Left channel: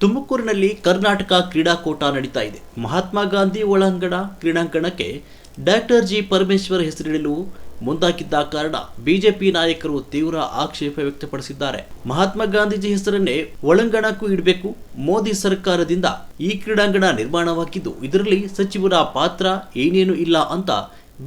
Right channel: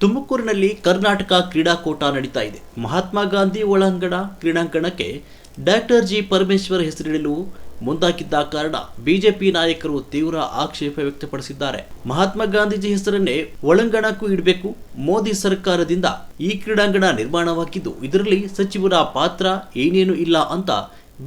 ತುಮಕೂರಿನಲ್ಲಿ ಕರ್ನಾಟಕ ಕ್ರೀಡಾಕೂಟ ನಡೀತಾ ಇದೆ. ಮಹಾತ್ಮ ಗಾಂಧಿ ಒಳಾಂಗಣ ಕ್ರೀಡಾಂಗಣಕ್ಕೆ ಡಾಕ್ಟರ್ ಜಿ ಪರಮೇಶ್ವರ್ ಹೆಸರಿಡಲು ಮುಂದಾಗಿದ್ದ ಕಾರಣ ಬಿಜೆಪಿ ನಾಯಕರು ತೀವ್ರ ಆಕ್ಷೇಪ ವ್ಯಕ್ತಪಡಿಸಿದ್ದಾರೆ. ಮಹಾತ್ಮ ಗಾಂಧೀಜಿ ಹೆಸರನ್ನೇ ಒಳಂಗಣಕ್ಕೂ ಇಡಬೇಕು. ಮೋದಿ ಸರ್ಕಾರದಿಂದ ಈ ಕ್ರೀಡಾಂಗಣ ನಿರ್ಮಾಣವಾಗಿದ್ದು, ಇದರಲ್ಲಿ ಸಚಿವರ ಪಾತ್ರ ಏನೇನು ಇಲ್ಲ ಅಂತ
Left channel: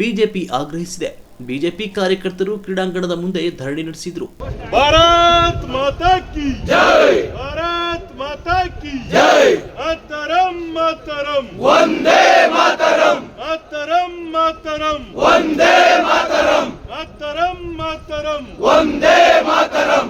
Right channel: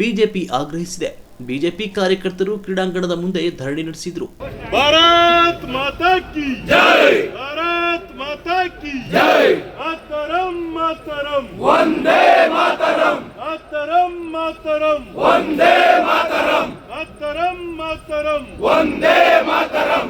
ಬಿಜೆಪಿ ಆಗ್ರಹಿಸಿದೆ. ಬಿಜೆಪಿ ಕಾರ್ಯಕರ್ತರು ಕ್ರೀಡಾಂಗಣದ ಮುಂದೆ ಧರಣಿ ನಡೆಸಿದ್ರು. ಭಾರತ್ ಮಾತಾ ಕಿ ಜೈ! ಭಾರತ್ ಮಾತಾ ಕಿ ಜೈ! ಮಾತರಂ ಮಾತರಂ! ವಂದೇ ಮಾತರಂ! ಮಾತರಂ ಮಾತರಂ! ವಂದೇ ಮಾತರಂ! ಮಾತರಂ ಮಾತರಂ! ವಂದೇ ಮಾತರಂ!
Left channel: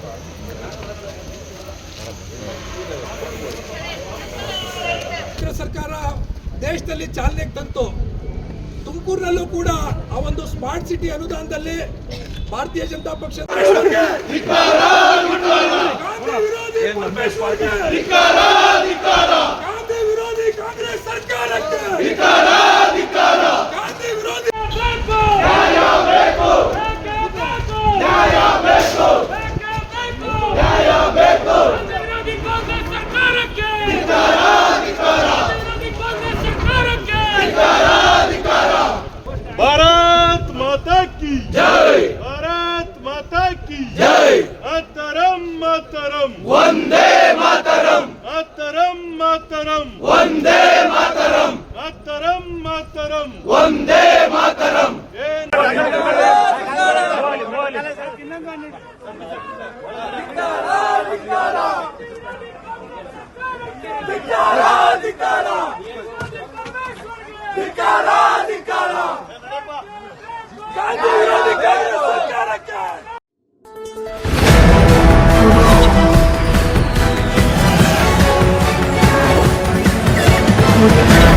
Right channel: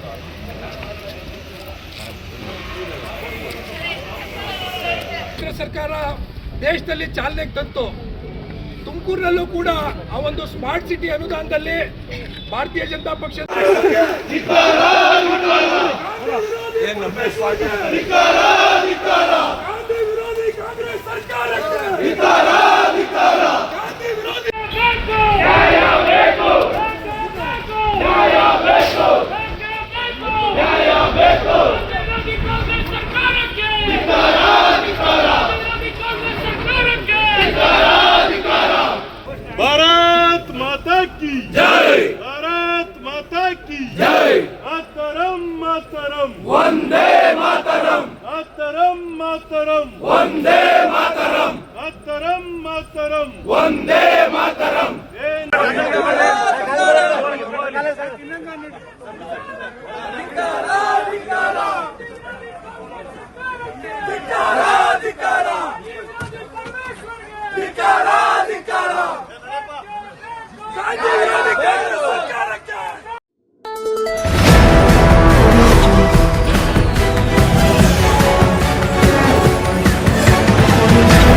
ಸರ್ಕಾರ ದೇಶದಲ್ಲಿ ಚಾಲನೆಗೆ ತಂತು. ತುಮಕೂರಿನಲ್ಲೂ ಕೂಡ ಆ ಒಂದು ಸ್ಮಾರ್ಟ್ ಸಿಟಿ ಅನುದಾನದಲ್ಲಿ ಭಾರತೀಯ ಜನತಾ ಪಕ್ಷ ಗಾಂಧಿ की जय भारत माता की जय मातरम मातरम वंदे मातरम मातरम मातरम वंदे मातरम मातरम मातरम वंदे मातरम ಗಾಂಧಿ audio